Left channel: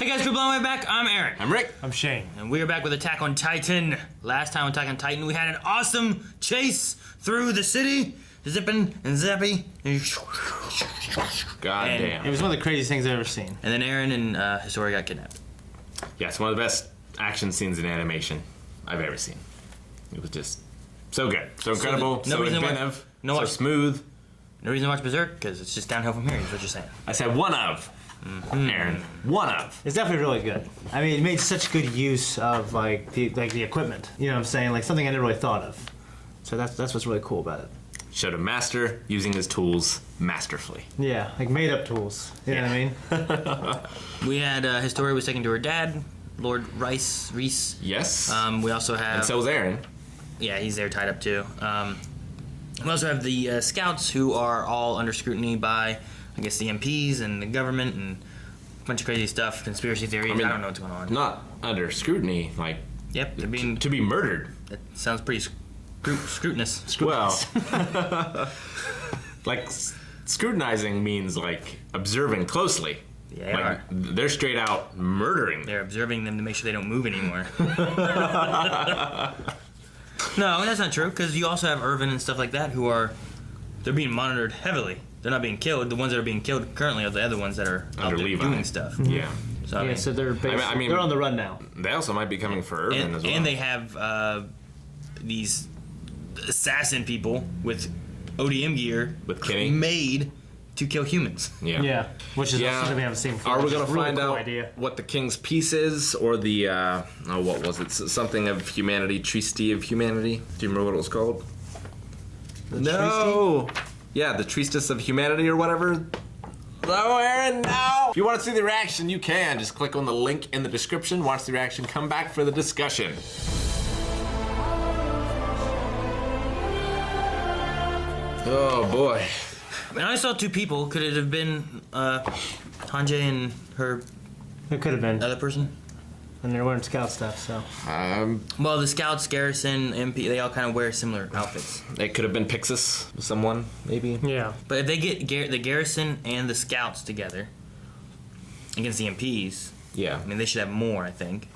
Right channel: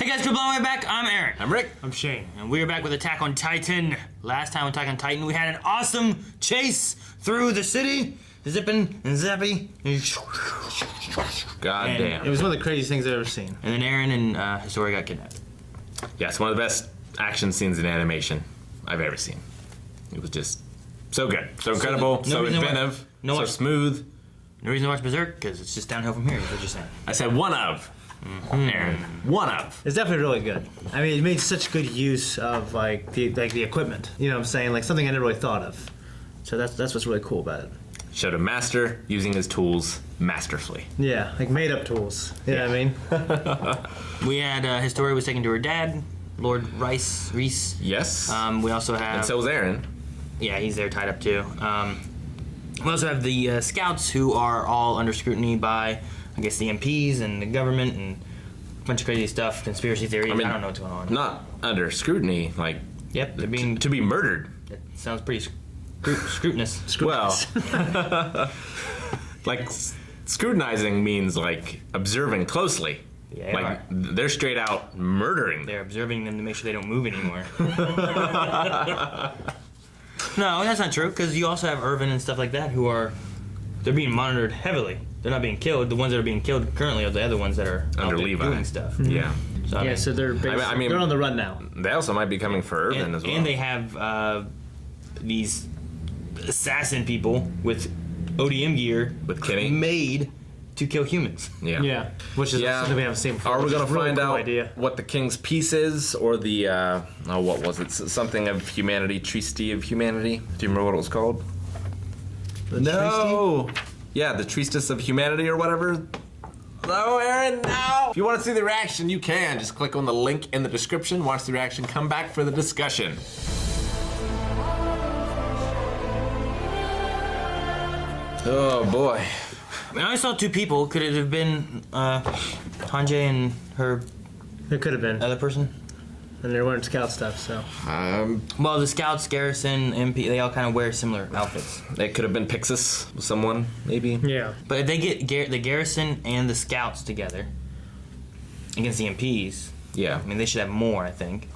Hey guys, we're blowing way back. I'm Eric. I'm Rick. I'm Shane. And we are back with Attack on Titan. Last time on Attack on Titan, we had an awesome chase through the city. Zipping and zappy. God damn. It was one of the craziest things I've ever seen. And then Aaron and Historia got kidnapped. Yeah, it's one of the best action scenes in animation I've ever seen. It was just so good. So incredible, so inventive, so smooth. No reason to watch Berserk, because it's just downhill from here, is what you're saying. I said one of. Aaron, one of. It's definitely really good. I mean, it made such good use of like the equipment. You know what I'm saying? Like something I never really thought of. So that's what's really cool about it. Showed a master using his tools masterfully. Yeah, like made up tools. You know what I mean? We had Historia was taken to her dad, Lord Reese. Yes. We also have. And so was Aaron. Yeah, he's there tied up too. We also have the scouts who are all under scrutiny by, I guess, the MPs and the government and a bunch of crazy stuff, conspiracy theories. I don't know what's going on. Not under scrutiny, like. Yep, they're being to be murdered. That sounds pretty scrutinous. Well, like scrutinizing means like observing closely. Yeah, like, they're straight out murdering. They're observing them to make sure they don't move anymore. No, that's not true, because you also have Irvin and stuff like that who are, they're being monitored heavily. They're not being killed. The ones that are being killed currently are the other ones that are out there doing stuff. Yeah. So, so they're they're on the run now. They also might be coming for Irvin as well. And they have these assassin people with ODM gear with Kenny made to kill humans. Yeah. Yeah. Which is something we haven't seen before. Are we going to find out what the King's Peace is, or the, what was it? Something of Humanity, Treaty of Humanity? Do you remember what it was called? No! Yeah, the Treatise of Humanity or whatever. No, Aaron, no! If you want to see the reaction, you can. Just click on the link in the description, watch the reaction, come back for the discussion. Oh, boy. I mean, I saw two people. Could it have been Hanjay and her? It could have been other person. And they're wearing scout stuff, so. Well, the scouts, garrison, MP, they all kind of wear similar outfits. It could have been Pixis with someone, maybe. Yeah. But if they get the garrison and the scouts together against the MPs, yeah, I mean they should have more. I think.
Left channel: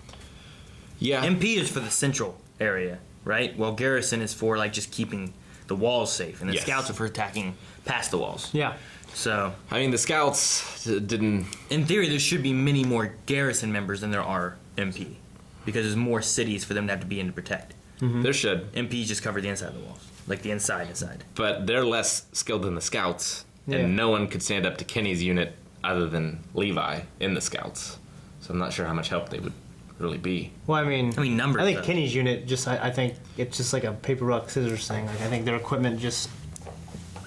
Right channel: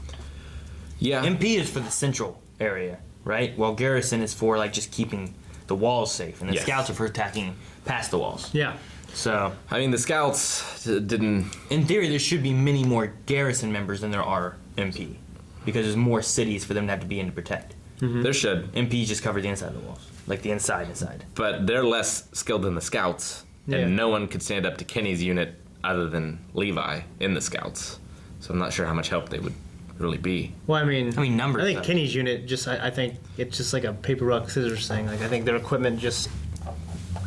Yeah. MP is for the central area, right? While garrison is for like just keeping the walls safe, and the scouts are for attacking past the walls. Yeah. So. I mean, the scouts didn't. In theory, there should be many more garrison members than there are MP, because there's more cities for them to have to be in to protect. Mm-hmm. There should. MPs just cover the inside of the walls, like the inside. But they're less skilled than the scouts, and no one could stand up to Kenny's unit other than Levi in the scouts. So I'm not sure how much help they would really be. Well, I mean numbers. I think Kenny's unit I think it's just like a paper rock scissors thing. Like I think their equipment just.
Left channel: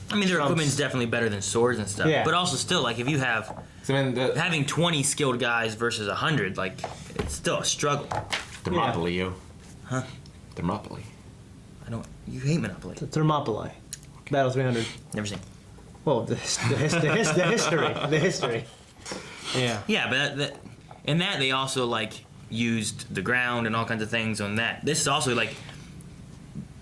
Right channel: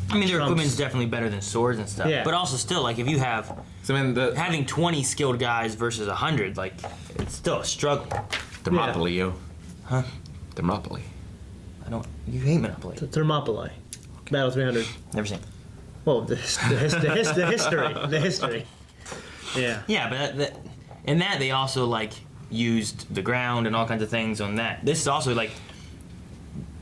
I mean, their equipment's definitely better than swords and stuff. Yeah. But also still, like, if you have... having 20 skilled guys versus 100, like, it's still a struggle. Thermopylae, you. Huh? Thermopylae. I don't... You hate Monopoly. Thermopylae. Battle 300. Never seen. Well, the history. Yeah. Yeah, but in that, they also, like, used the ground and all kinds of things on that. This is also, like...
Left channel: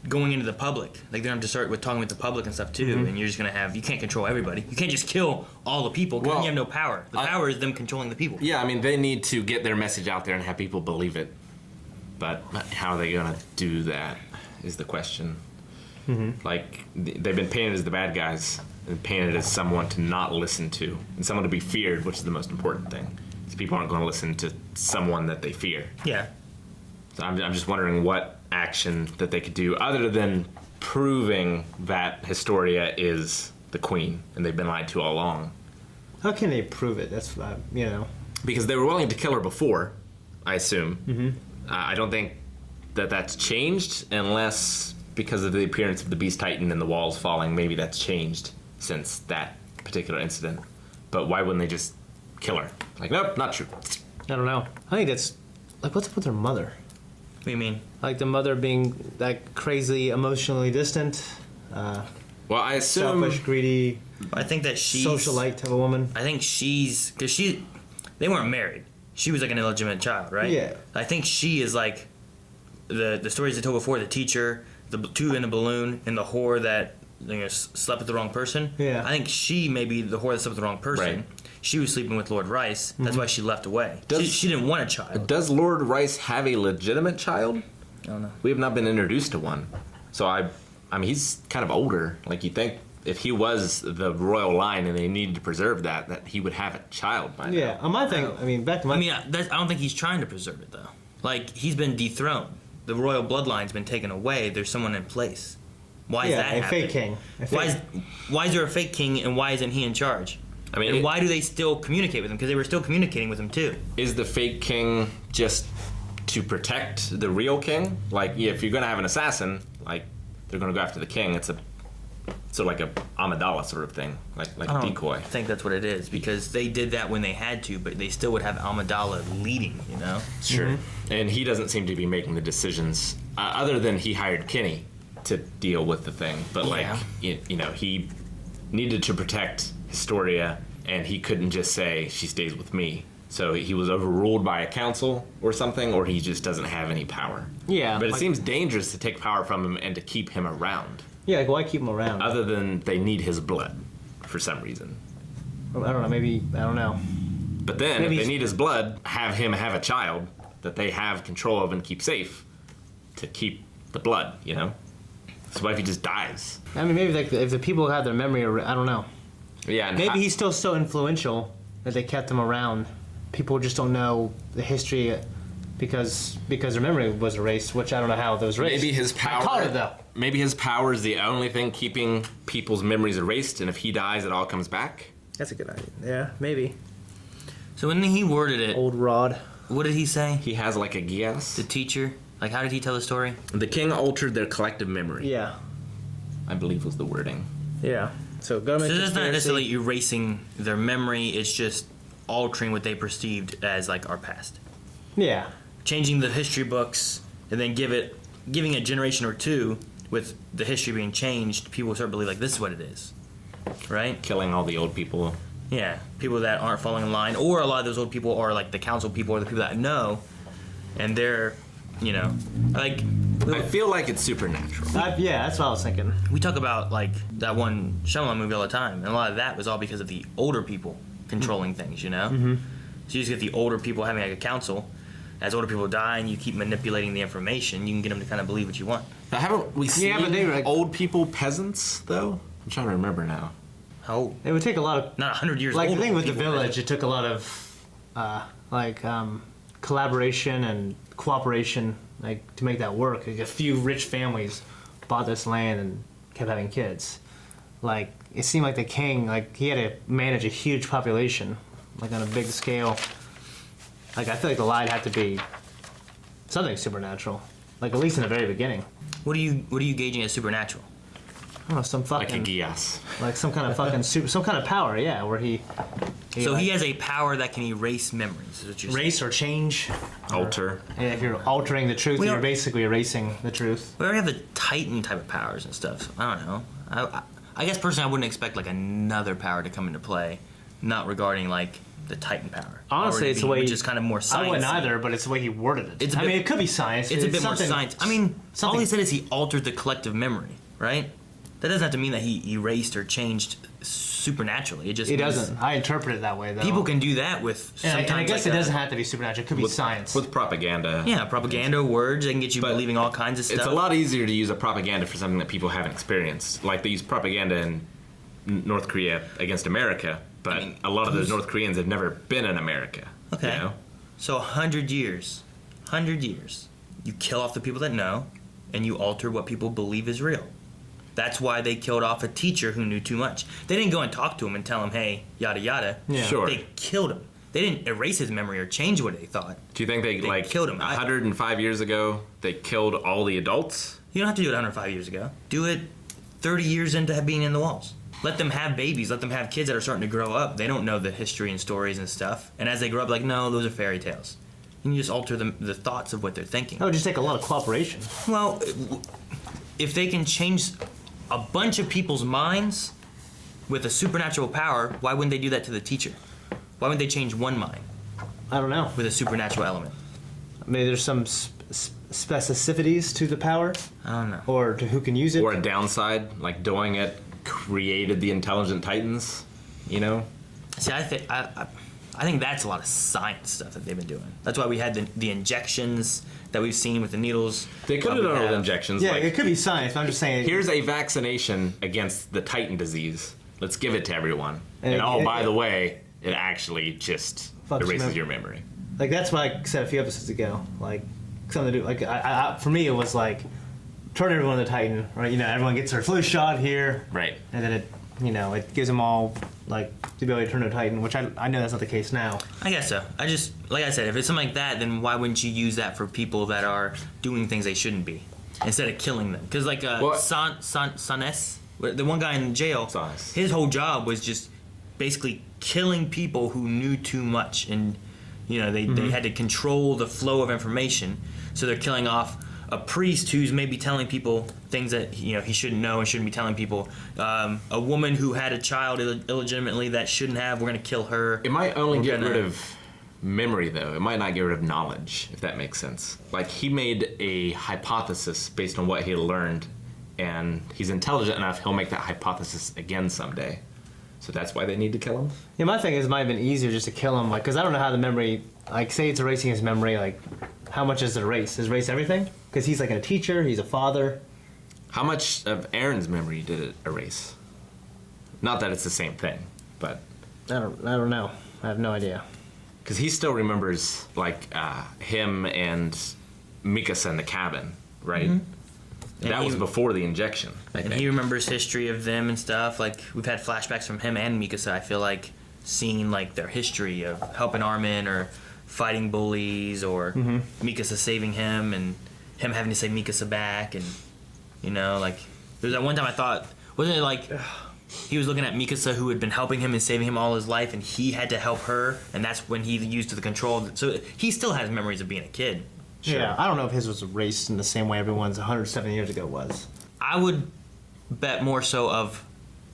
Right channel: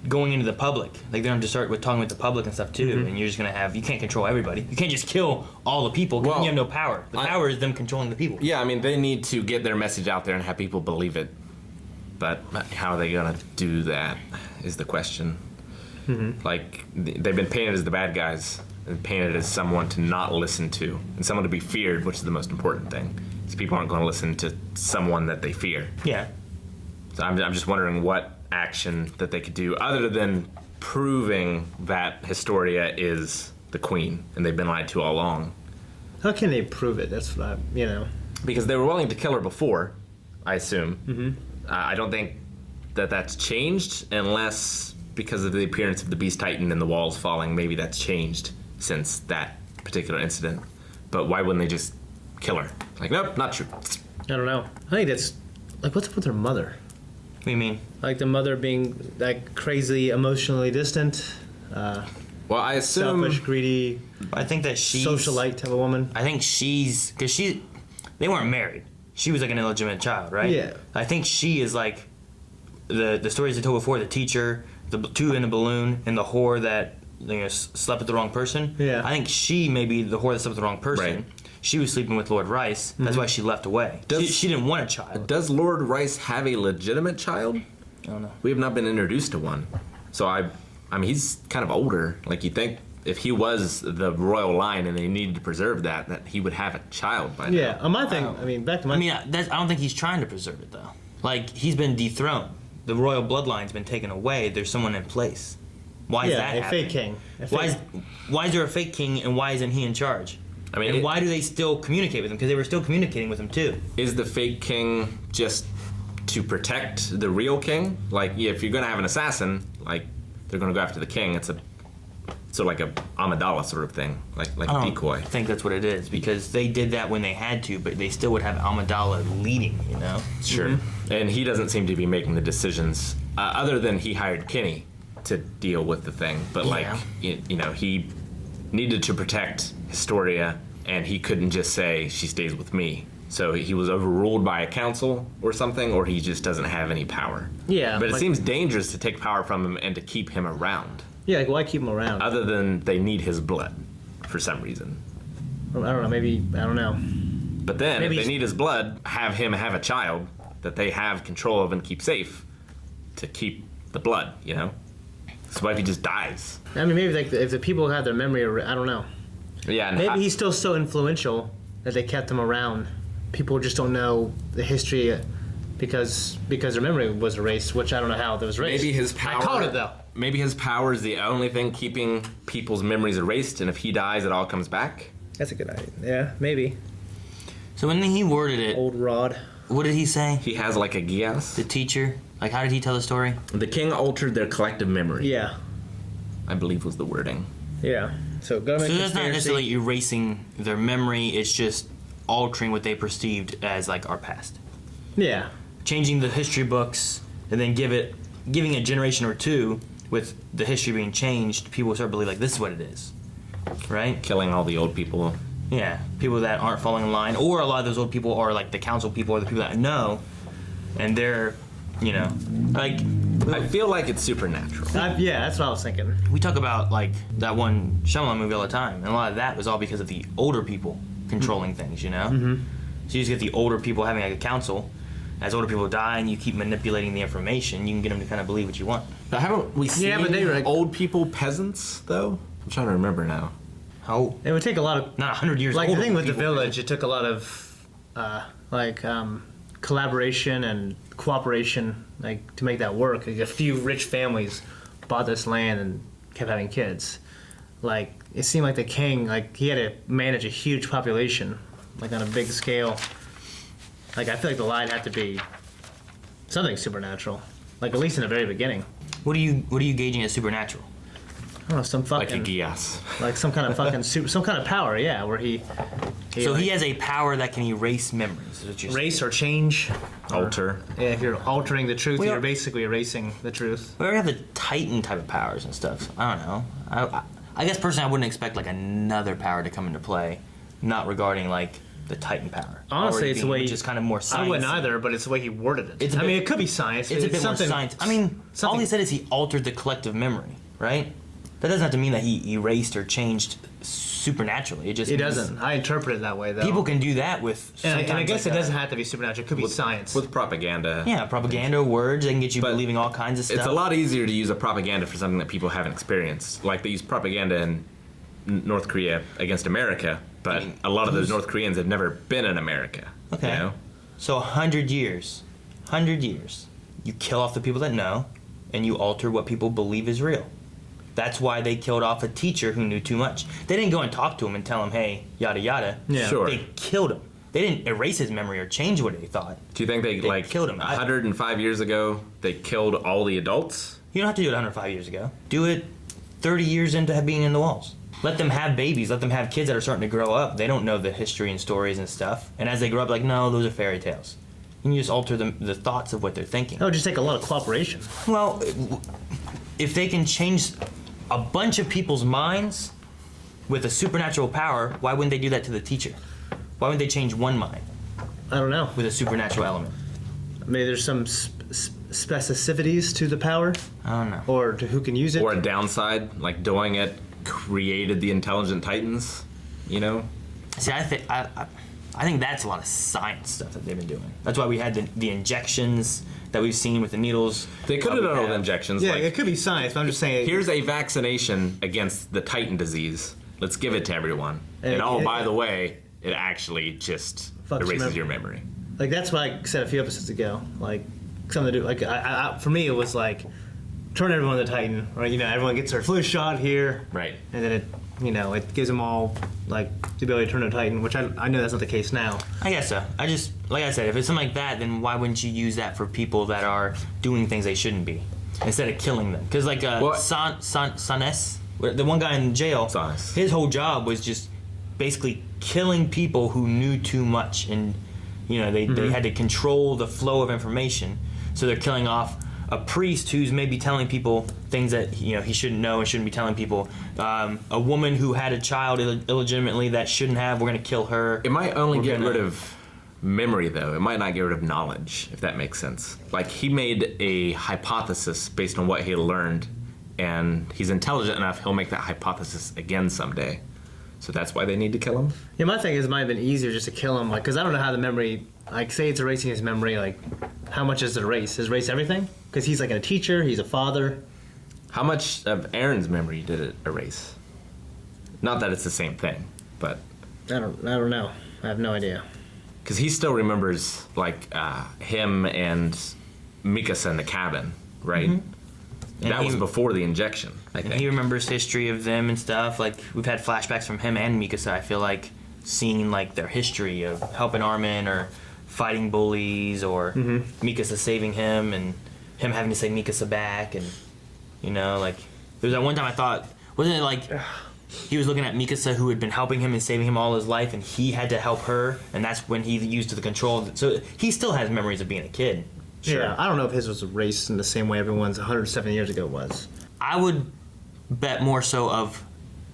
going into the public, like they're going to start with talking with the public and stuff too, and you're just going to have, you can't control everybody. You can't just kill all the people because you have no power. The power is them controlling the people. Yeah, I mean, they need to get their message out there and have people believe it. But how are they going to do that is the question. Like, they've been painted as the bad guys and painted as someone to not listen to and someone to be feared, which is the most important thing. So people aren't going to listen to someone that they fear. Yeah. So I'm just wondering what action that they could do other than proving that Historia is the queen and they've been lied to all along. How can they prove it? That's what Because they were willing to kill her before, I assume. I don't think that that's changed unless because of the appearance of the Beast Titan and the walls falling, maybe that's changed since that particular incident. But why wouldn't they just kill her? Like, nope, not true. I don't know. I think that's like, what's up with her mother? What do you mean? Like the mother being like crazy, emotionally distant. Well, I assume selfish, greedy. I think that she's socialite type of woman. I think she's because they weren't married. She was like an illegitimate child, right? Yeah. I think she is like the stories I told before. The teacher, the two in the balloon, and the whore that slept with the wrong person. Yeah. I think she may be the whore that slept with the wrong person. Right. She was sleeping with Lord Rice. That's why she left away. She didn't want a child. Does Lord Rice have a legitimate child? I don't know. We have not been introduced to one. So I mean, he's kind of older. Like, you think if he was the royal line and they needed to preserve that he would have a child by now. Yeah, my thing. I mean, back to my. I don't think he's trying to preserve it though. Like, he's been dethroned. The royal bloodline's been taken away. There's someone in place. Why is that a happening? fake king. Why is there a fake king and why isn't he in charge? I mean, and why do they still communicate with him? Because they were still communicating with him too. Is the fake king just to protect the real king? Like, yeah, if you're gonna have an assassin, like, they're gonna go after the king. It's like a Amidala sort of thing, like a decoy. I think that's what it is because they did that when they had to, but they still would have Amidala leading. You know. Sure. Mm-hmm. And he doesn't seem to be making the decisions, other than he hired Kinney to deal with the thing. But like, he needed to protect Historia, and he couldn't just say she stays with me. So he was overruled by a council or something, or he just doesn't have any power. Yeah. But it seems dangerous to take power from him and to keep him around. Yeah, like why keep him around? Other than they need his blood for some reason. I don't know. Maybe I don't know. But then, Maybe if they need his blood, have him have a child that they have control of and keep safe to keep the blood, you know? So what if he just dies? I mean, maybe like if the people have their memory, I don't know. Yeah. And Maybe he's still so influential that they kept him around. People just don't know the history because their memory was erased, which I don't know how that was erased. Maybe his power. I caught it though. Maybe his power is the only thing keeping people's memories erased, and if he dies, it all comes back. That's a good idea. Yeah, maybe. So when he worded it, Old Rod. what did he say? He has like a guess. The teacher? Like, how did he tell the story? The king altered their collective memory. Yeah. I believe was the wording. Yeah. So government. So that's not conspiracy. necessarily erasing their memory. It's just altering what they perceived as like our past. Yeah. Changing the history books and then giving a generation or two with the history being changed, people will start to believe like this is what it is, right? Killing all the old people. Yeah, people that aren't falling in line, or a lot of those old people are like the council people or the people that know, and they're, like. I feel like it's supernatural. Yeah, that's what I was thinking. We talk about like that one Shyamalan movie all the time, and a lot of that was all because of the older people controlling things, Mm-hmm. So you just get the older people having like a council. As older people die and you keep manipulating the information, you can get them to kind of believe what you want. Now, haven't we seen but they were like, old people peads, though? I'm trying to remember now. How? it would take a lot of Not 100 years like old. the thing with the village. It took a lot of collaboration and cooperation like to make that work. Like, a few rich families bought this land and kept having kids. Like it seemed like the king, like he had to manage a huge population, like on a big scale. Like I feel like the lie had to be something supernatural, like at least in the very beginning. What are you gauging as supernatural? I don't know, some fucking Like a guess. like some kind of fucking some kind of power, yeah, where he So like, he has a power that can erase memories. Is what you're saying. erase or change. Alter. Yeah, if you're altering the truth, We you're don't- basically erasing the truth. We already have the Titan type of powers and stuff. I don't know. I guess personally, I wouldn't expect like another power to come into play, not regarding like the Titan power. Honestly, Already it's being- the way which is kind of more science. I wouldn't either, but it's the way he worded it. It's a I bit- mean, it could be science. It's a bit more something- science. I mean, all something- he said is he altered the collective memory, right? That doesn't have to mean that he erased or changed supernaturally. It just He means doesn't. I interpret it that way, though. people can do that with. And I sometimes guess like it doesn't have to be supernatural. It could be science. With propaganda. Yeah, propaganda, words. They can get you But believing all kinds of stuff. It's a lot easier to use a propaganda for something that people haven't experienced. Like they use propaganda in North Korea against America, but a lot of those North Koreans have never been in America. Okay. You know? So 100 years, you kill off the people that know, and you alter what people believe is real. That's why they killed off a teacher who knew too much. They didn't go and talk to him and tell him, hey, yada yada. Yeah. Sure. They killed him. They didn't erase his memory or change what they thought. Do you think they like killed him. 105 years ago they killed all the adults? You don't have to do it 105 years ago. Do it 30 years into being in the walls. Let them have babies. Let them have kids that are starting to grow up. They don't know the history and stories and stuff. And as they grow up, like, no, those are fairy tales. And you just alter the thoughts of what they're thinking. That would just take a lot of cooperation. Well, if they can change a bunch of people's minds with a supernatural power, why wouldn't they do that to the teacher? Why wouldn't they change one mind I don't know. with a supernatural element? Maybe there's some specificities to the power, I don't know. or to who can use it. Or a downside, like doing it created the intelligent titans, you know? See, I think that's a lot of science stuff that they've been doing. That's why we had the injections that we've seen with the needles. They could have done it with injections. Yeah, like, it could be science, but I'm just saying. here's a vaccination against the titan disease. Let's give it to everyone. And by the way, it actually just erases your memory. Like, that's what I said a few episodes ago. Like, something to do. Like, for me, it was like, turn everyone into Titan, right? You know, everyone gets their flu shot here. Right. And then it gives them all, like, the ability to turn into Titan, which I know that's not the case now. I guess so. Like I said, if it's something like that, then why wouldn't you use that for people that are doing things they shouldn't be, instead of killing them? Because, like, Sanes, the one guy in jail, Sanes. His whole job was just basically killing people who knew too much, and, you know, they had to control the flow of information, so they're killing off a priest who's maybe telling people things that, you know, he shouldn't know and shouldn't be telling people. A woman who had a child illegitimately that shouldn't have, we're going to kill her. It might only get rid of memory, though. It might not get rid of knowledge, if that makes sense. Like, he made a hypothesis based on what he learned, and he's intelligent enough, he'll make that hypothesis again someday. So that's why they need to kill him? Yeah, my thing is it might have been easier just to kill him, like, because I don't know how the memory, like, say it's erasing his memory, like, how much does it erase? Does it erase everything? Because he's, like, a teacher, he's a father. How much of Aaron's memory did it erase? Not that it's the same thing, but... I don't know. I have no idea. Because he still remembers, like, him and Mikasa in the cabin, right? Mm-hmm. And that was before the injection, I And think. he remembers history of them and stuff. Like, we've had flashbacks from him and Mikasa, I feel like, seeing, like, their history of helping Armin or fighting bullies, or Mikasa saving him and him having to save Mikasa back. And, you know, like, there was that one time I thought, wasn't it like he was looking at Mikasa, who had been helping him and saving him all his life, and he had to help her, and that's when he used the control. So he still has memories of being a kid. Sure. Yeah, I don't know if his was erased in the same way everyone's 170 years ago was. I would bet more so of,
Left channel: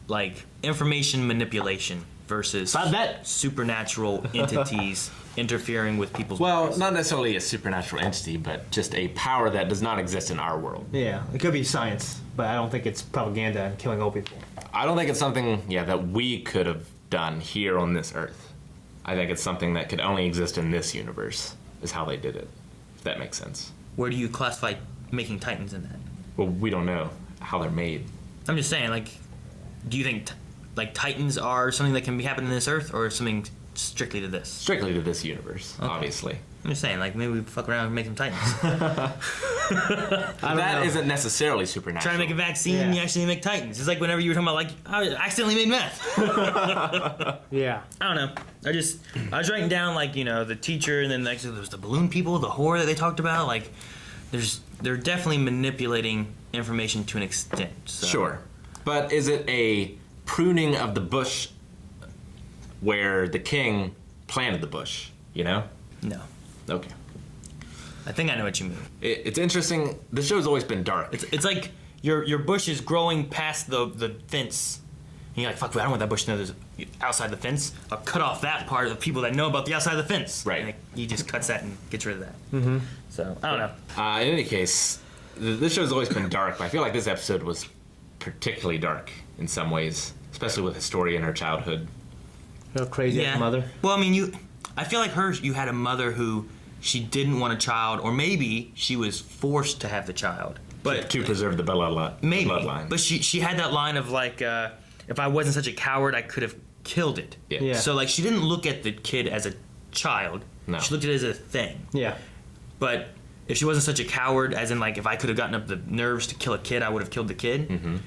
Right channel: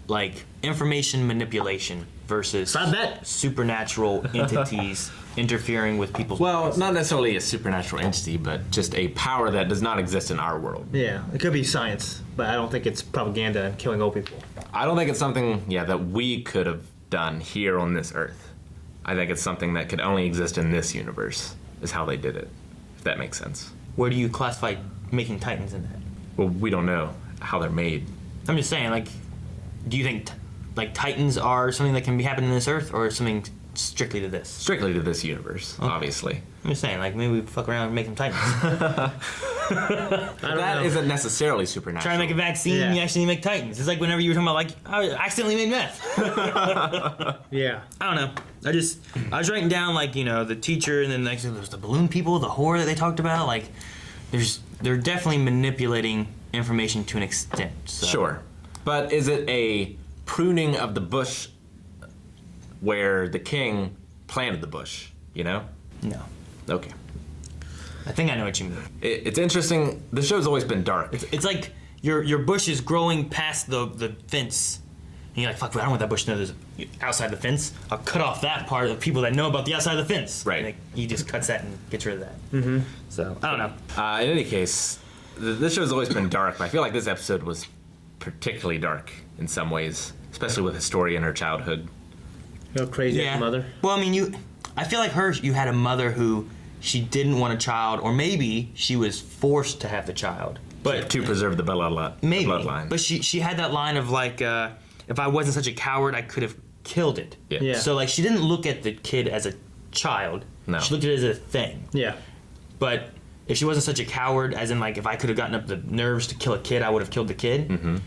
like, information manipulation versus I bet. supernatural entities interfering with people's Well, lives. not necessarily a supernatural entity, but just a power that does not exist in our world. Yeah, it could be science, but I don't think it's propaganda and killing old people. I don't think it's something, that we could have done here on this Earth. I think it's something that could only exist in this universe, is how they did it, if that makes sense. Where do you classify making Titans in that? Well, we don't know how they're made. I'm just saying, like, do you think like Titans are something that can be happening in this Earth, or something strictly to this? Strictly to this universe, obviously. I'm just saying, like, maybe we fuck around and make some Titans. That isn't necessarily supernatural. Try to make a vaccine, Yeah. you actually make Titans. It's like whenever you were talking about, like, I accidentally made meth. Yeah. I don't know. I was writing down, like, you know, the teacher, and then next there was the balloon people, the horror that they talked about. Like, they're definitely manipulating information to an extent. So. Sure. But is it a pruning of the bush where the king planted the bush, you know? No. Okay. I think I know what you mean. It's interesting. The show's always been dark. It's like your bush is growing past the fence. And you're like, fuck, I don't want that bush to know there's outside the fence. I'll cut off that part of the people that know about the outside of the fence. Right. And like, he just cuts that and gets rid of that. Mm-hmm. So, I don't know. In any case, this show's always been dark, but I feel like this episode was particularly dark in some ways, especially with Historia and her childhood. No crazy mother. Well, I mean, I feel like you had a mother who she didn't want a child, or maybe she was forced to have the child. But To preserve the bloodline. But she had that line of, like, if I wasn't such a coward, I could have killed it. Yeah. So, like, she didn't look at the kid as a child. No. She looked at it as a thing. Yeah. But if she wasn't such a coward, as in, like, if I could have gotten up the nerves to kill a kid, I would have killed the kid. Mm-hmm.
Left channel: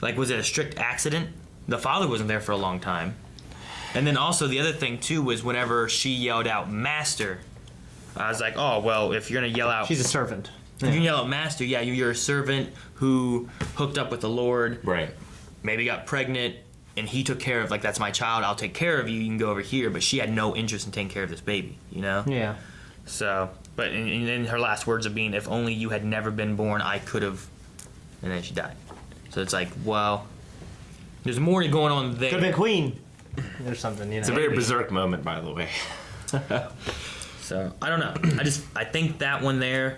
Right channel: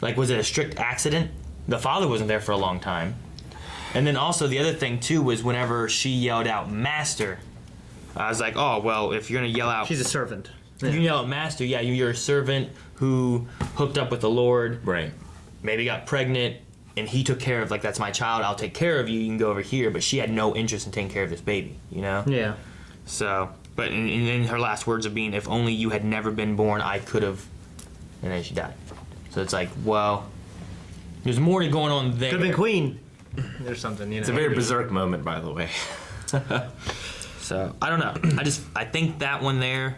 Like, was it a strict accident? The father wasn't there for a long time. And then also the other thing, too, was whenever she yelled out, "Master," I was like, oh, well, if you're going to yell out... She's a servant. If you yell out "Master," yeah, you're a servant who hooked up with the Lord. Right. Maybe got pregnant, and he took care of, like, that's my child, I'll take care of you, you can go over here. But she had no interest in taking care of this baby, you know? Yeah. So, but and then her last words of being, "If only you had never been born, I could have," and then she died. So it's like, well, there's more going on there. Could have been queen. Or something, you know. It's a very berserk moment, by the way. So I don't know. I think that one there,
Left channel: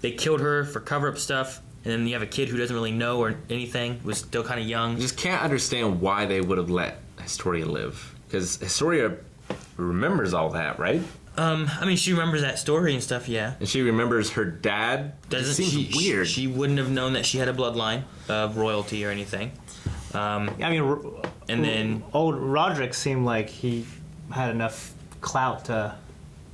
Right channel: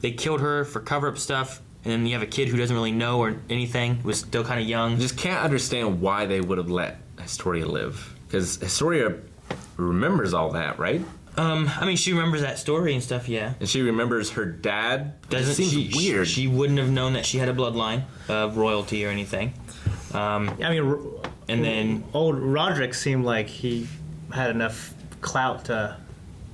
they killed her for cover-up stuff, and then you have a kid who doesn't really know or anything, was still kind of young. I just can't understand why they would have let Historia live. Because Historia remembers all that, right? I mean, she remembers that story and stuff, yeah. And she remembers her dad. It seems weird. She wouldn't have known that she had a bloodline of royalty or anything. I mean, And then old Roderick seemed like he had enough clout to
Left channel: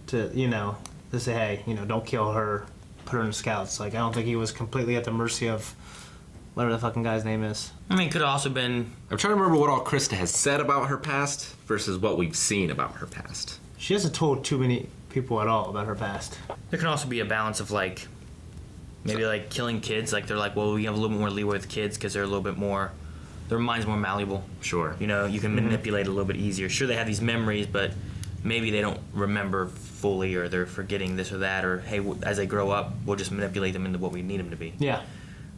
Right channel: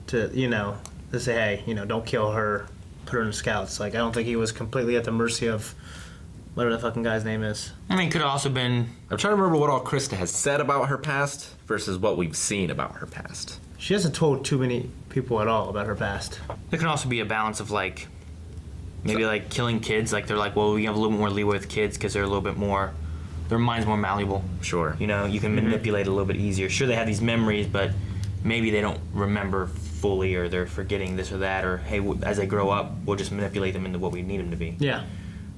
to say, hey, don't kill her, put her in the scouts. Like, I don't think he was completely at the mercy of whatever the fucking guy's name is. I mean, could have also been. I'm trying to remember what all Krista has said about her past versus what we've seen about her past. She hasn't told too many people at all about her past. There can also be a balance of maybe killing kids. Like they're like, well, we have a little bit more leeway with kids because they're a little bit more. Their mind's more malleable. Sure. You can manipulate a little bit easier. Sure, they have these memories, but maybe they don't remember fully, or they're forgetting this or that, or hey, as they grow up, we'll just manipulate them into what we need them to be. Yeah.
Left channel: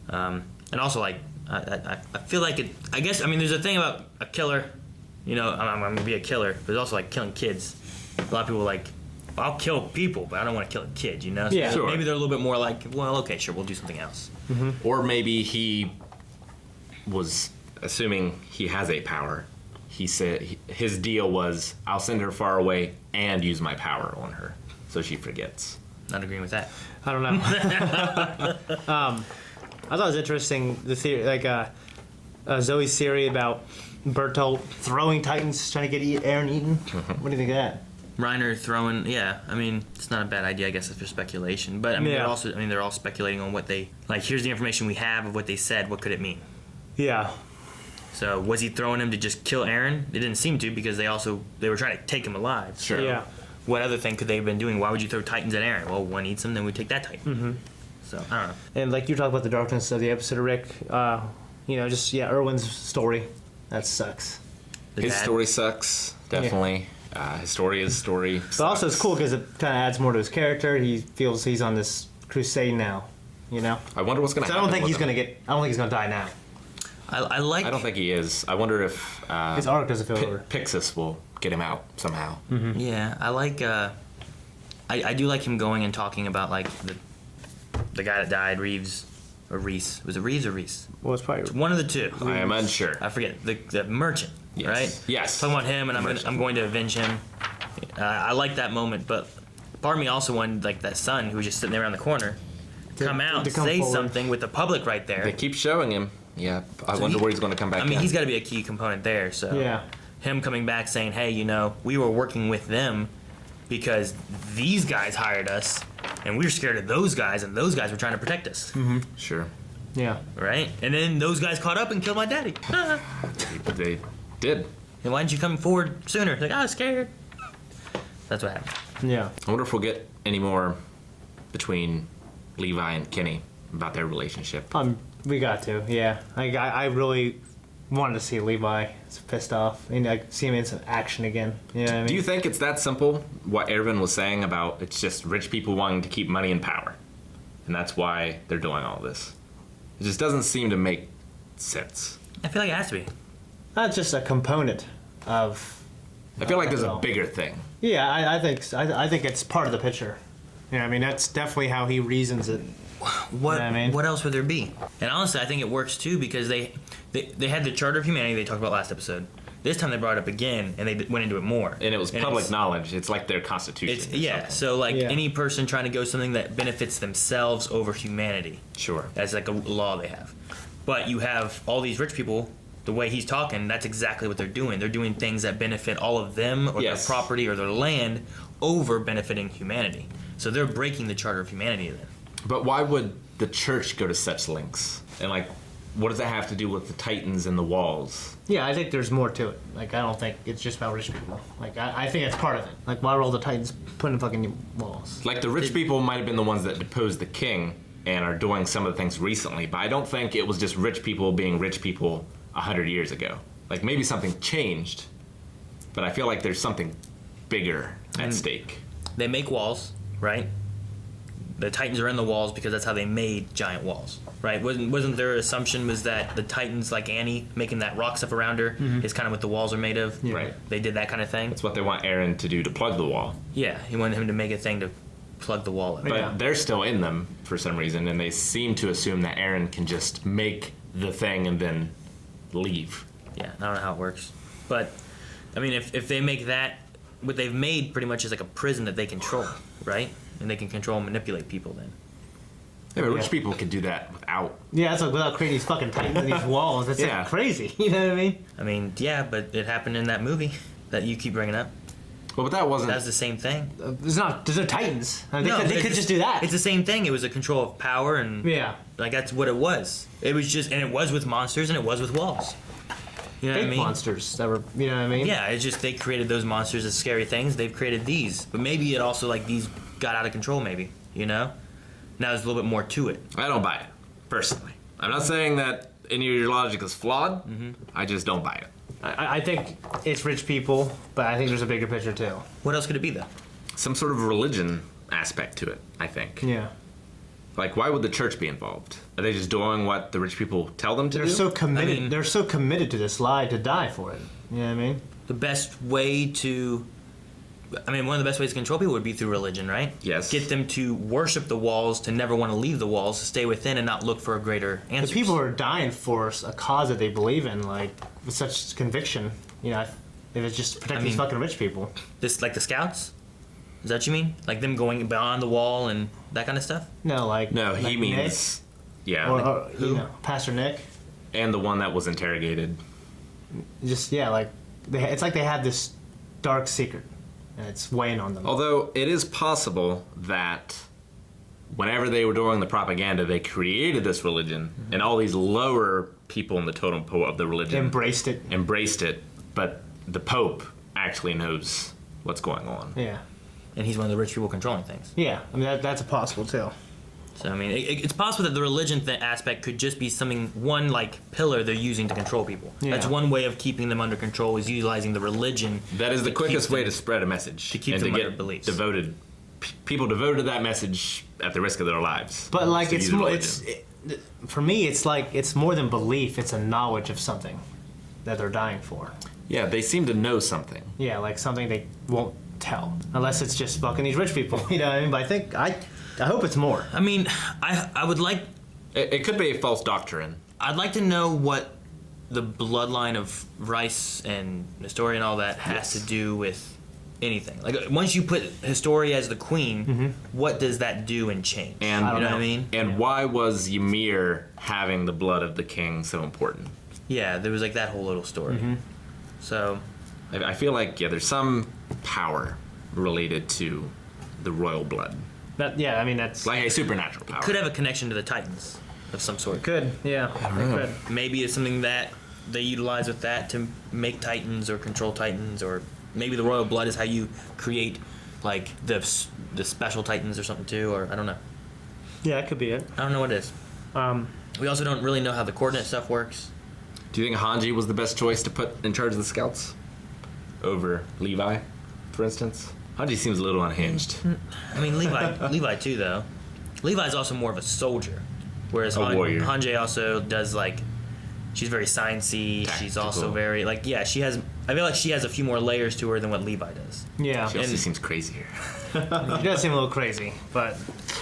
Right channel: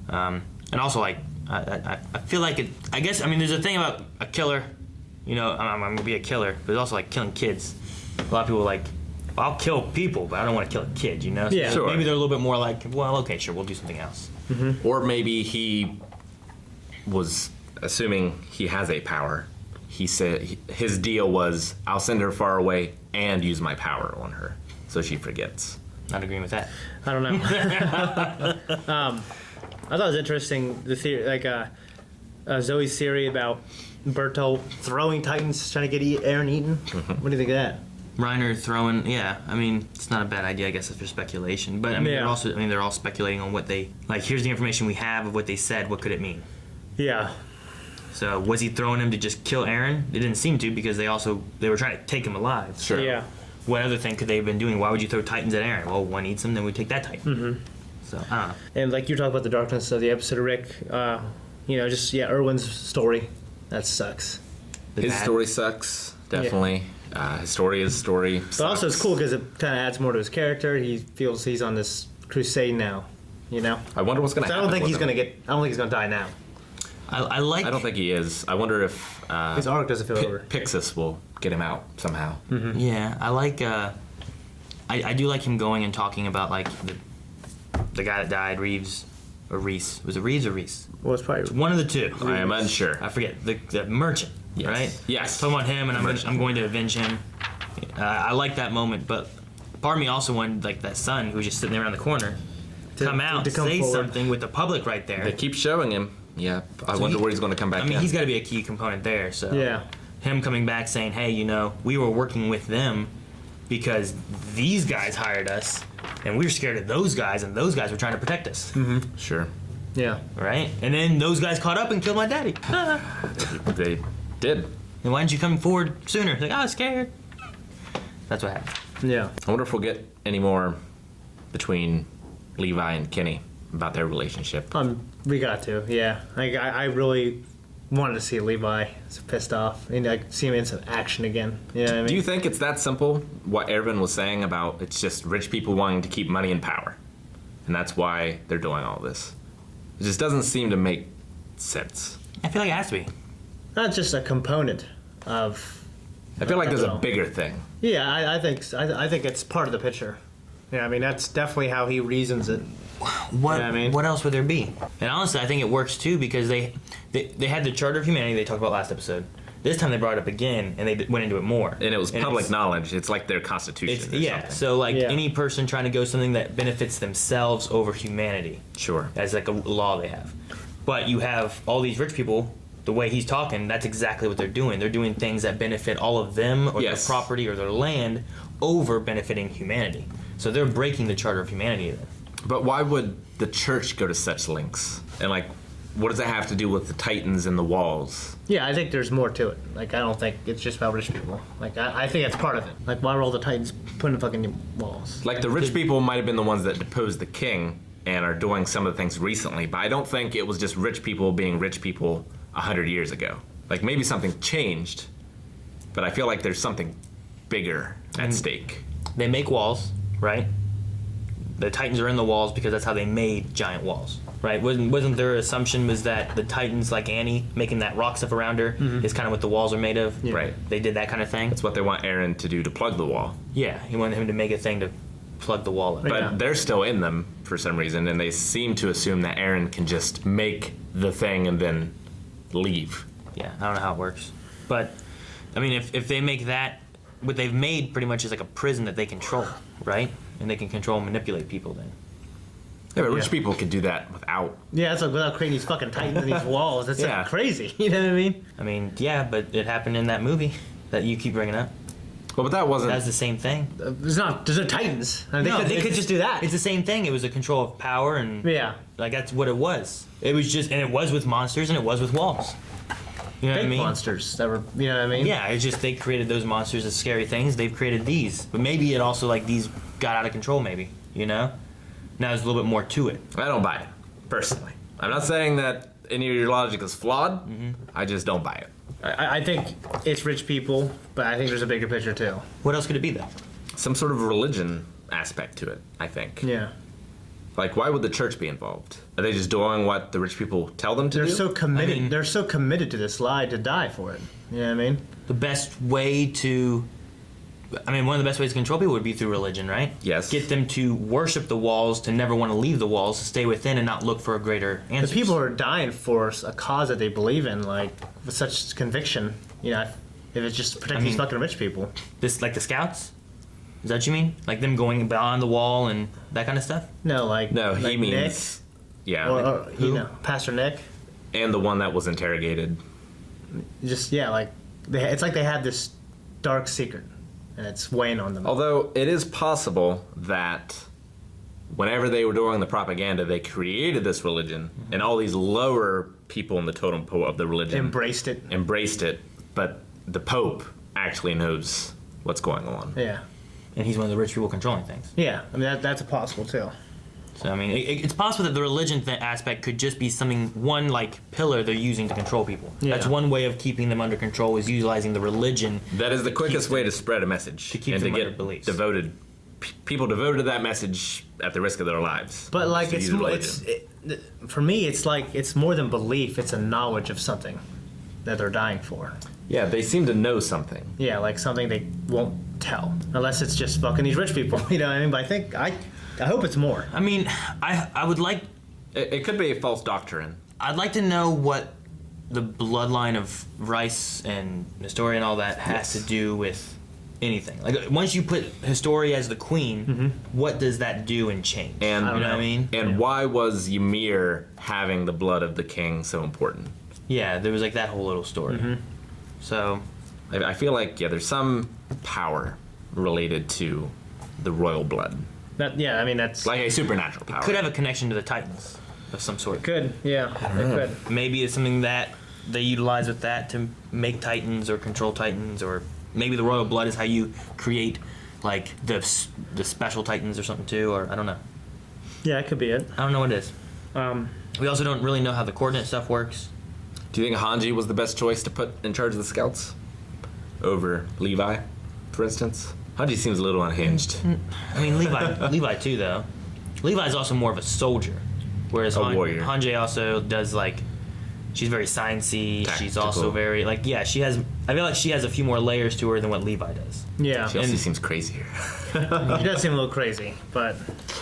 And also, I feel like it. I guess there's a thing about a killer. I'm gonna be a killer, but it's also killing kids. A lot of people are I'll kill people, but I don't want to kill a kid. Yeah. So Sure. maybe they're a little bit more well, okay, sure, we'll do something else. Mm-hmm. Or maybe he was assuming he has a power. He said his deal was, I'll send her far away and use my power on her, so she forgets. Not agreeing with that. I don't know. I thought it was interesting, the theory, Zoe's theory about Bertolt throwing Titans, trying to get Aaron eaten. What do you think of that? Reiner throwing, yeah. It's not a bad idea, I guess, if for speculation. But Yeah. they're all speculating on what they here's the information we have of what they said. What could it mean? Yeah. So was he throwing him to just kill Aaron? It didn't seem to, because they were trying to take him alive. Sure. Yeah. What other thing could they have been doing? Why would you throw Titans at Aaron? Well, one eats him, then we take that Titan. Mm-hmm. So I don't know. And you talk about the darkness of the episode of Rick, Erwin's story. That sucks. His dad. story sucks, definitely. Historia's story sucks. But also it's cool because it kind of adds more to his character. He feels he's on this crusade now, I wonder what's going to happen. I don't think with he's him. going to get. I don't think he's going to die now. I don't think he is. I wonder if His arc doesn't feel over. Pixis will get him out somehow. Mm-hmm. Yeah, I like. I do like him going and talking about the guy that died, Reeves or Reese. Was it Reeves or Reese? Well, it's probably. One of the two. I am unsure. I forget the merchant, Yes. right? Yes. Talking about him, and Merchant. I'm going to avenge him. I like that moment, but part of me also wanted that son who was just sitting there around the corner come out, to come say forward. something with the public right there. They keep showing him. Yeah. I So wonder where he's going to come back. He's got to be a key component there. So Yeah. him coming back saying, hey, we were working with them because these guys hired us, and we were scared of those guys, and those guys were trying to protect us. Mm-hmm. Sure. Yeah. Right? And then those guys caught up and killed my daddy. They did. Then why didn't you come forward sooner? I was scared. That's what happened. Yeah. I wonder if we'll get any more between Levi and Kenny about their relationship. We got to. Yeah. I really wanted to see Levi pissed off and see him in some action again. Yeah. Do you think it's that simple? What Erwin was saying about it's just rich people wanting to keep money and power, and that's why they're doing all this. It just doesn't seem to make sense. I feel like it has to be. Not just a component of. I feel like there's a all. bigger thing. Yeah, I think it's part of the picture. Yeah, that's definitely how he reasons it. What Yeah, I mean- what else would there be? And honestly, I think it works too because they had the Charter of Humanity they talked about last episode. This time they brought it up again and they went into it more. And it was public it's- knowledge. It's like their constitution. It's or yeah. something. So Yeah. any person trying to go something that benefits themselves over humanity Sure. as a law they have. But you have all these rich people. The way he's talking, that's exactly what they're doing. They're doing things that benefit all of them or Yes. their property or their land over benefiting humanity. So they're breaking the Charter of Humanity then. But why would the church go to such lengths? And what does that have to do with the Titans and the walls? Yeah, I think there's more to it. I don't think it's just about rich people. I think it's part of it. Why were all the Titans put in fucking walls? The rich people might have been the ones that deposed the king and are doing some of the things recently, but I don't think it was just rich people being rich people 100 years ago. Maybe something changed, but I feel like there's something bigger at stake. They make walls, right? The Titans are in the walls because that's how they made giant walls, right? Wasn't their assumption was that the Titans, like Annie, making that rock stuff around her, is kind of what the walls are made of? Yeah. Right. They did that kind of thing? That's what they want Aaron to do to plug the wall. Yeah, he wanted him to make a thing to plug the wall up. But Yeah. they're still in them for some reason, and they seem to assume that Aaron can just make the thing and then leave. Yeah, I don't know how it works. But, I mean, if they make that, what they've made pretty much is like a prison that they control, right? And they can control and manipulate people then. Yeah, but rich Yeah. people could do that without. Yeah, that's like without creating these fucking titans and these walls. That's Yeah. like crazy. You know what I mean? I mean, yeah, but it happened in that movie that you keep bringing up. Well, but that wasn't. That's the same thing. There's no titans. I mean, they could just do that. It's the same thing. It was a control of power, and Yeah. like that's what it was. It was just, and it was with monsters, and it was with walls. You know what I Big mean? monsters that were, you know what I mean? Yeah, it's just they created those monsters as scary things. They've created these, but maybe it also like these got out of control. Maybe now there's a little bit more to it. I don't buy it, personally. I'm not saying that any of your logic is flawed. I just don't buy it. I think it's rich people, but I think there's a bigger picture too. What else could it be though? Some sort of religion aspect to it, I think. Yeah. Like, why would the church be involved? Are they just doing what the rich people tell them to They're do? so committed. I mean- they're so committed to this lie to die for it. You know what I mean? The best way to, I mean, one of the best ways to control people would be through religion, right? Yes. Get them to worship the walls, to never want to leave the walls, to stay within and not look for a greater The answer. people are dying for a cause that they believe in, like with such conviction. You know, if it's just protecting these mean- fucking rich people. This like the scouts. Is that what you mean? Like them going beyond the wall and that kind of stuff? No, like No, he like means. Yeah. Nick, or Who? You know, Pastor Nick. And the one that was interrogated. Just like it's like they had this dark secret, and it's weighing on them. Although it is possible that whenever they were doing the propaganda, they created this religion, and all these lower people in the totem pole of the religion Embraced it. embraced it, but the Pope actually knows what's going on. Yeah. And he's one of the rich people controlling things. Yeah. I mean that's possible too. So I mean, it's possible that the religion aspect could just be something, one like pillar they're using to control people. Yeah. That's one way of keeping them under control, is utilizing the religion. That is the quickest keep way to spread a message to keep and them to under get beliefs. devoted people devoted to that message at the risk of their lives. But like To it's use more, religion. for me it's like it's more than belief. It's a knowledge of something that they're dying for. Yeah, they seem to know something. Yeah, like something they won't tell unless it's just fucking these rich people. You know what I mean? But I think I hope it's more. I mean, I would like, It could be a false doctrine. I'd like to know what the bloodline of Rice and Historia and all that has Yes. to do with anything. Like once you put Historia as the queen, what does that do and change? And you know what I mean? And why was Ymir having the blood of the king so important? Yeah, there was like that whole little story. So I feel like there's some power related to the royal blood, I mean that's like a supernatural power. could have a connection to the Titans of some sort. good. Yeah, it could. Maybe it's something that they utilize with that to make Titans or control Titans, or maybe the royal blood is how you create like the special Titans or something too, or I don't know. Yeah, it could be it. I don't know what it is. Um, We also don't really know how the coordinate stuff works. Do you think Hanji was the best choice to put in charge of the scouts over Levi, for instance? Hanji seems a little unhinged. I mean, Levi too, though. Levi's also more of a soldier, whereas A warrior. Hanji also does like, she's very sciencey. She's Tactical. also very like, yeah, she has. I feel like she has a few more layers to her than what Levi does. yeah, She he actually seems crazier. does seem a little crazy, but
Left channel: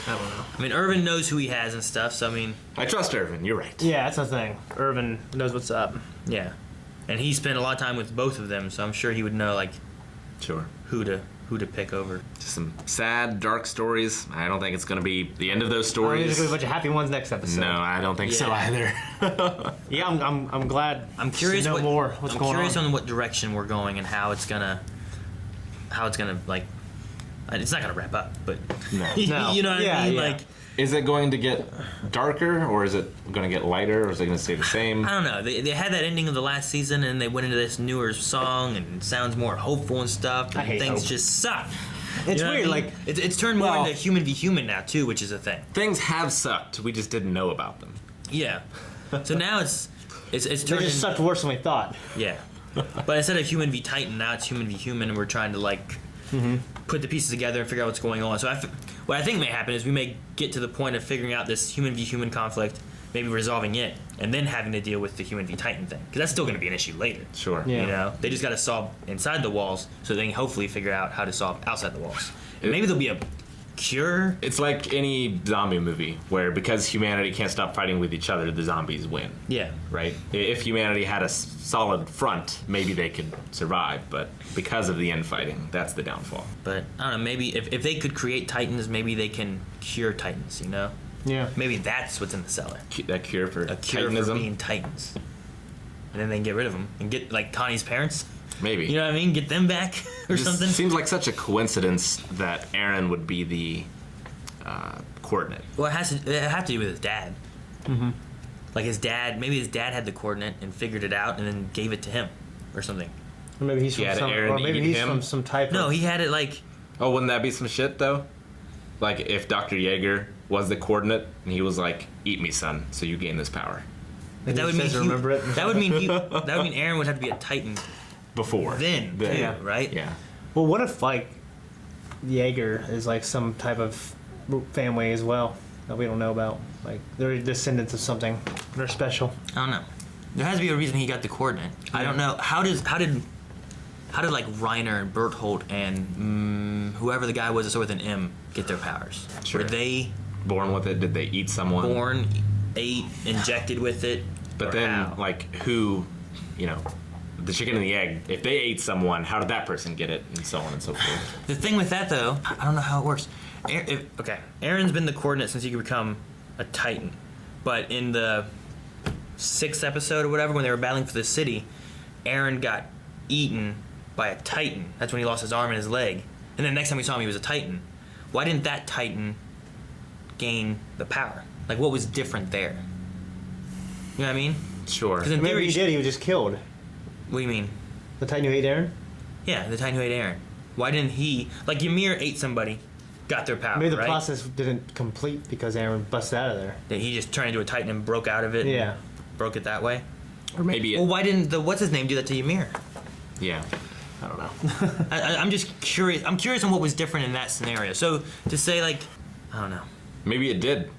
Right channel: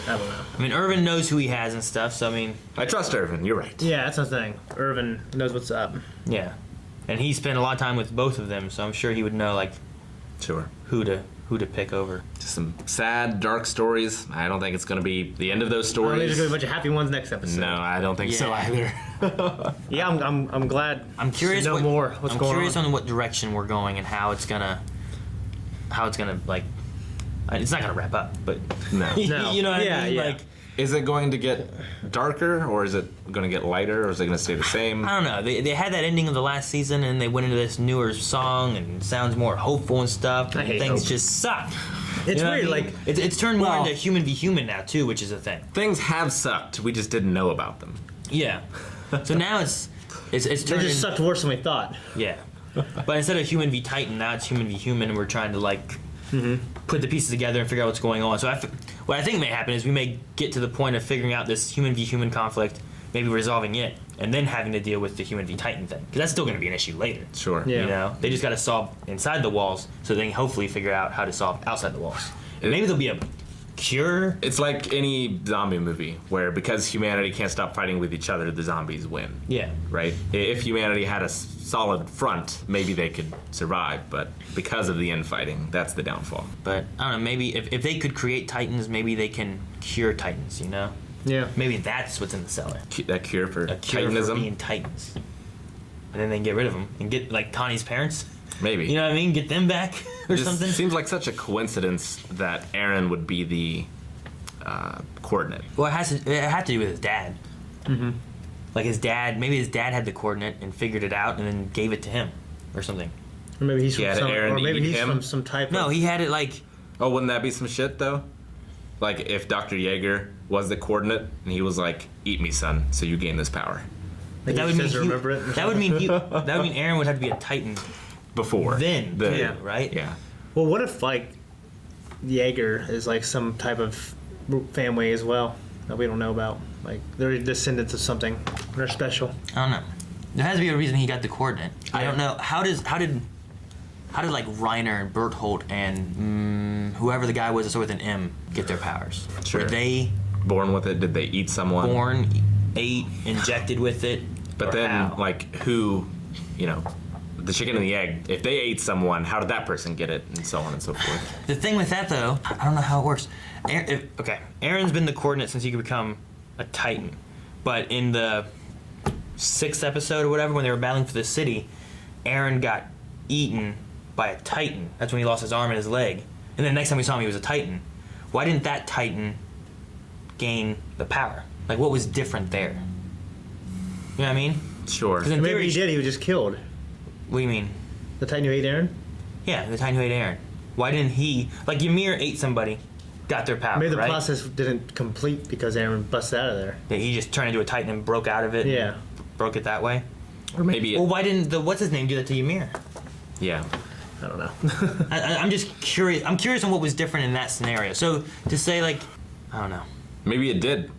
I don't know. I mean, Irvin knows who he has and stuff. So I mean, I trust Irvin. You're right. Yeah, that's the thing. Irvin knows what's up. yeah, and he spent a lot of time with both of them, so I'm sure he would know like Sure. who to pick over. Just some sad, dark stories. I don't think it's going to be the end of those There's gonna be a stories. bunch of happy ones next episode. No, I don't think so Yeah. either. Yeah, I'm glad. I'm curious. to know what, more. What's I'm going curious on? on what direction we're going and how it's gonna like. It's not gonna wrap up, but No. No. you know what Yeah, I mean? yeah. Like, Is it going to get darker, or is it going to get lighter, or is it going to stay the same? I don't know. They had that ending of the last season, and they went into this newer song, and it sounds more hopeful and stuff. I And hate things hope. just suck. It's You know what weird, I mean? like it's turned more Well- into human v human now too, which is a thing. Things have sucked. We just didn't know about them. Yeah. So now it's they turned just in, sucked worse than we thought. yeah. But instead of human v Titan, now it's human v human, and we're trying to like put the pieces together and figure out what's going on. So what I think may happen is we may get to the point of figuring out this human v human conflict, maybe resolving it, and then having to deal with the human v Titan thing, because that's still going to be an issue later. Sure. Yeah. You know, they just got to solve inside the walls, so they can hopefully figure out how to solve outside the walls. And maybe there'll be cure. It's like any zombie movie where because humanity can't stop fighting with each other, the zombies win. Yeah. Right? If humanity had a solid front, maybe they could survive, but because of the infighting, that's the downfall. But I don't know. Maybe if they could create Titans, maybe they can cure Titans. You know. Yeah. Maybe that's what's in the cellar. A cure for A cure Titanism? for being Titans. And then they can get rid of them and get like Connie's parents. Maybe. You know what I mean? Get them back or This something. seems like such a coincidence that Aaron would be the coordinate. Well, it had to do with his dad. Mm-hmm. Like maybe his dad had the coordinate and figured it out and then gave it to him or something. Or maybe he's from Yeah, Aaron eat him? from some type No, of... he had it like. Oh, wouldn't that be some shit though? Like if Dr. Jaeger was the coordinate and he was like, "Eat me, son, so you gain this power." But that would mean that would mean Aaron would have to be a Titan Before. then, too, Yeah. right? Yeah. Well, what if, like, Jaeger is, like, some type of family as well that we don't know about? Like, they're descendants of something. They're special. I don't know. There has to be a reason he got the coordinate. I don't know. How did like Reiner and Berthold and whoever the guy was that started with an M get their powers? Sure. Were they Born with it? Did they eat someone? born, ate, injected with it? But or then, how? like, who, the chicken and the egg, if they ate someone, how did that person get it? And so on and so forth. The thing with that, though, I don't know how it works. Aaron's been the coordinate since he could become a Titan. But in the 6th episode or whatever, when they were battling for the city, Aaron got eaten by a Titan. That's when he lost his arm and his leg. And then the next time we saw him, he was a Titan. Why didn't that Titan gain the power? Like, what was different there? You know what I mean? Sure. 'Cause in Maybe theory, he did. He was just killed. what do you mean? The Titan who ate Aaron? Yeah, the Titan who ate Aaron. Why didn't he... Like, Ymir ate somebody, got their power, Maybe the right? process didn't complete because Aaron busted out of there. That he just turned into a Titan and broke out of it. Yeah. And broke it that way. Or maybe Well, why didn't the what's his name do that to Ymir? yeah. I don't know. I'm just curious. I'm curious on what was different in that scenario. So to say like, I don't know. Maybe it did.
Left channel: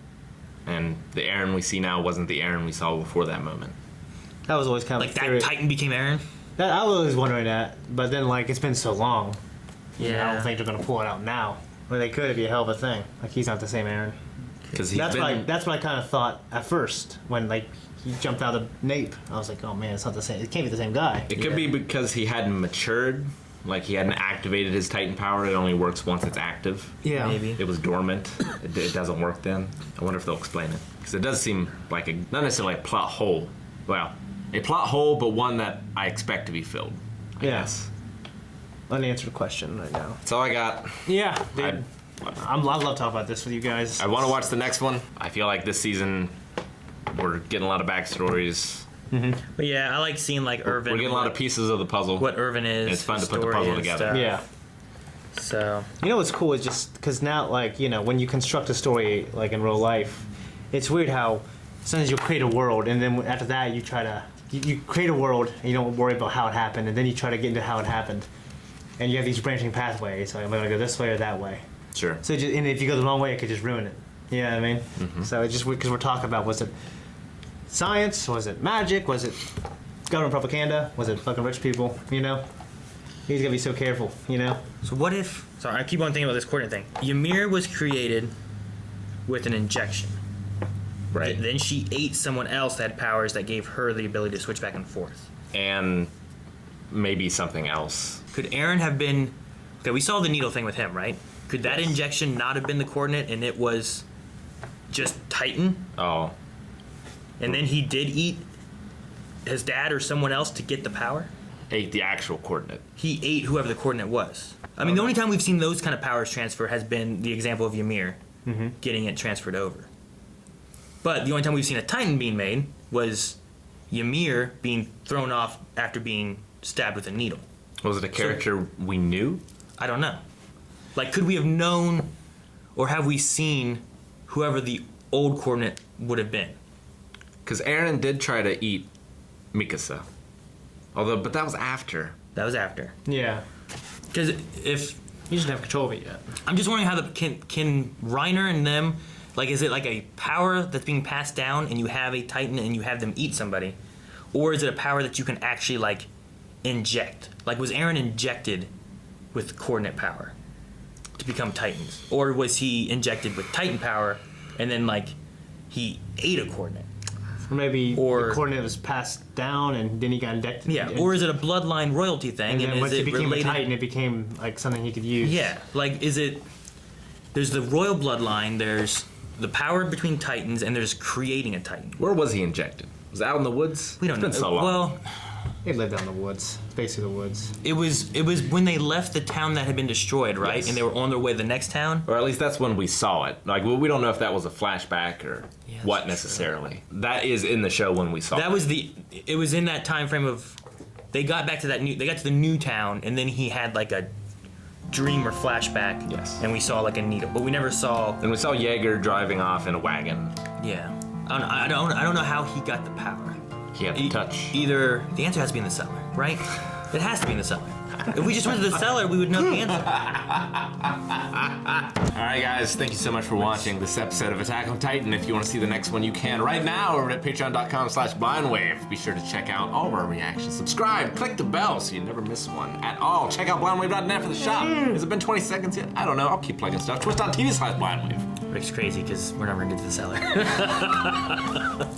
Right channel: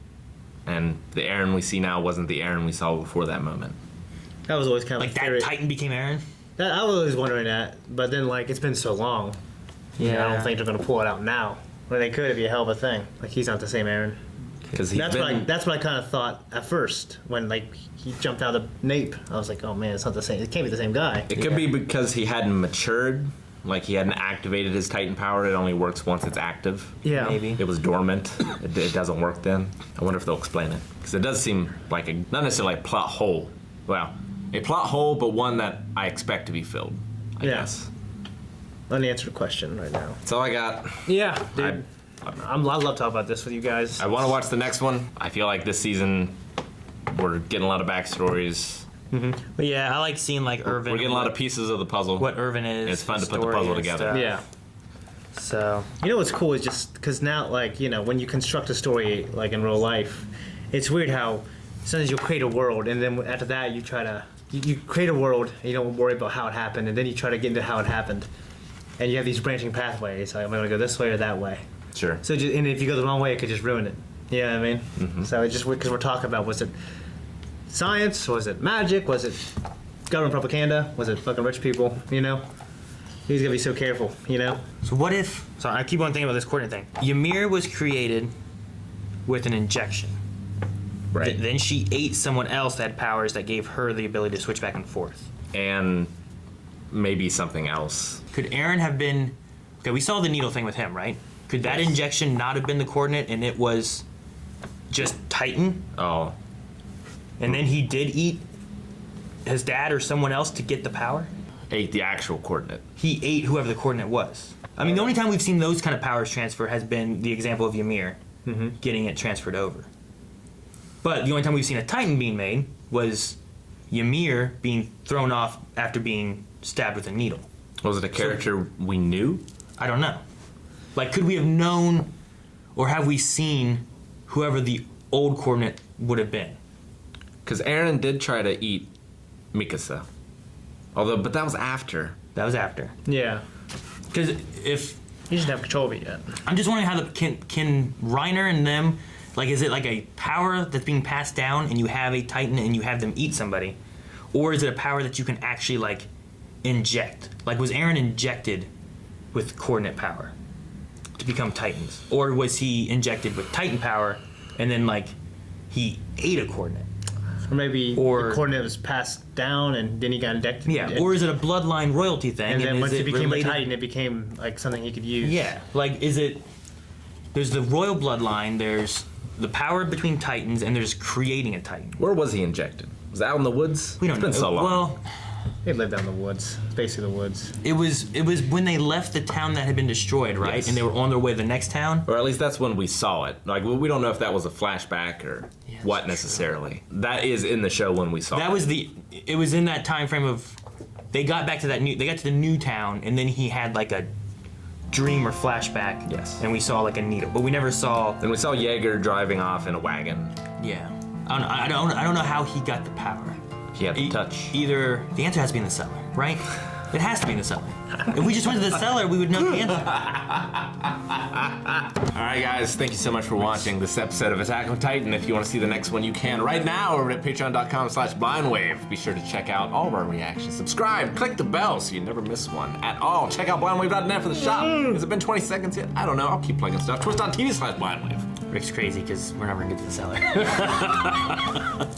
And the Aaron we see now wasn't the Aaron we saw before that moment. That was always kind of Like that theory. Titan became Aaron. I was always wondering that, but then like it's been so long. I don't think they're gonna pull it out now. Well, they could. It'd be a hell of a thing. Like he's not the same Aaron. Because he's That's been... what I kind of thought at first when like he jumped out of the nape. I was like, oh man, it's not the same. It can't be the same guy. It could be because he hadn't matured. Like he hadn't activated his Titan power. It only works once it's active. Yeah, Maybe. It was dormant. It doesn't work then. I wonder if they'll explain it. Because it does seem like not necessarily a plot hole. Well, a plot hole, but one that I expect to be filled, I Yeah. guess. Unanswered question right now. That's all I got. Yeah, dude. I love talking about this with you guys. I want to watch the next one. I feel like this season we're getting a lot of backstories. But yeah, I like seeing like Irvin. We're getting a lot of pieces of the puzzle. what Irvin is. And it's fun his to put the story puzzle and together. stuff. Yeah. So You know what's cool is just because now, like, you know, when you construct a story, like in real life, it's weird how sometimes you'll create a world and then after that you try to, you create a world and you don't worry about how it happened and then you try to get into how it happened. And you have these branching pathways, like I'm going to go this way or that way. Sure. So just, and if you go the wrong way, it could just ruin it. You know what I mean? So it's just because we're talking about, was it science? Was it magic? Was it government propaganda? Was it fucking rich people? You know? He's gonna be so careful, you know? what if? Sorry, I keep on thinking about this coordinate thing. Ymir was created with an injection. Right. Then she ate someone else that had powers that gave her the ability to switch back and forth. And maybe something else. Could Aaron have been? Okay, we saw the needle thing with him, right? Could that Yes. injection not have been the coordinate, and it was just Titan, Oh, and then he did eat his dad or someone else to get the power? ate the actual coordinate. He ate whoever the coordinate was. I mean, the only time we've seen those kind of powers transfer has been the example of Ymir getting it transferred over. But the only time we've seen a Titan being made was Ymir being thrown off after being stabbed with a needle. Was it a character we knew? I don't know. Like, could we have known, or have we seen whoever the old coordinate would have been? Because Aaron did try to eat Mikasa. But that was after. That was after. Yeah. Because if He doesn't have control of it yet. I'm just wondering how can Reiner and them, like, is it like a power that's being passed down and you have a Titan and you have them eat somebody, or is it a power that you can actually like inject? Like, was Aaron injected with coordinate power to become Titans, or was he injected with Titan power and then like he ate a coordinate? Or maybe Or- the coordinate was passed down and then he got injected. Yeah, or is it a bloodline royalty thing? and then is once he it became related? a Titan, it became like something he could use. Yeah, like is it? There's the royal bloodline. There's the power between Titans, and there's creating a Titan. Where was he injected? Was it out in the woods? We don't It's know. been so long. Well, They lived out in the woods. It's basically the woods. it was when they left the town that had been destroyed, right? Yes. And they were on their way to the next town. Or at least that's when we saw it. Like, we don't know if that was a flashback or Yeah, what that's necessarily. That is in the show when we saw That it. was it was in that time frame of they got back to they got to the new town, and then he had like a dream or flashback. Yes. And we saw like a needle, but we never saw. And we saw Jaeger driving off in a wagon. Yeah. I don't know how he got the power. He had to touch. Either the answer has to be in the cellar, right? It has to be in the cellar. If we just went to the cellar, we would know the answer. Alright guys, thank you so much for watching this episode of Attack on Titan. If you want to see the next one, you can right now over at patreon.com/blindwave. Be sure to check out all of our reactions. Subscribe, click the bell so you never miss one at all. Check out blindwave.net for the shop. Has it been 20 seconds yet? I don't know. I'll keep plugging stuff. Twitch.tv/blindwave. Rick's crazy because we're never gonna get to the cellar.